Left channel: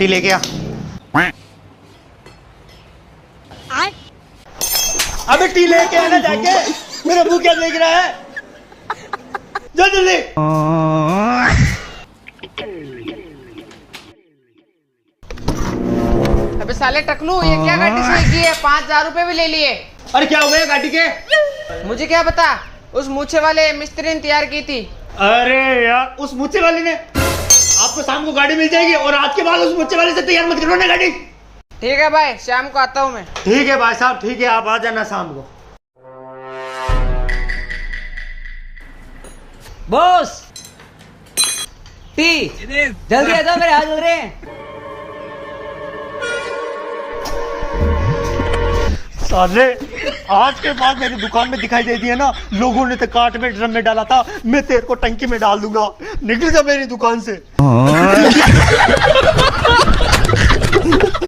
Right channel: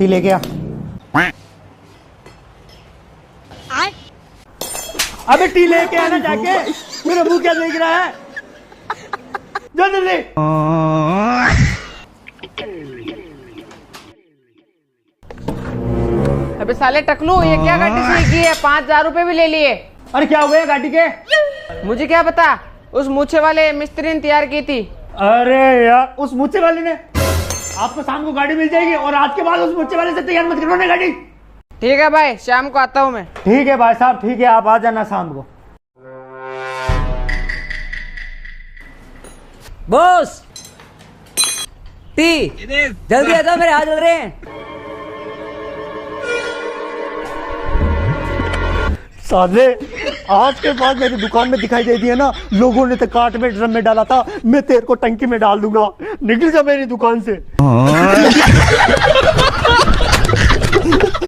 T लेके आ। अबे T लेके आना जाके। मेरा मुंह क्या देख रहा है? जल्दी। अबे साले टकलू, ये क्या गाड़ी सही की है? 5,000 रुपए भी ले लिए। अरे क्या हुआ गाड़ी के? मुझे क्या पता, उस मूछे वाले मिस्त्री ने तैयार की थी। अरे यार, उस मुच्चे वाले ने। आपको शाम को गाड़ी मिल जाएगी और आज के बाद उस मुच्चे वाले से तैयार मत करो ना गाड़ी। ठीक है भाई, शाम को आता हूँ मैं। ठीक है भाई साहब, ठीक है, आप आ जाना शाम को। बॉस टी जल्दी आ जाओ, मेरे हाथ जल रहे हैं। साले आज के बाद मेरी दुकान में दिखाई दे दिया ना, लोगों ने तो काट में ड्रम में डाला था, मैं तेरे को टंकी में डाल दूंगा। निकल जा मेरी दुकान से।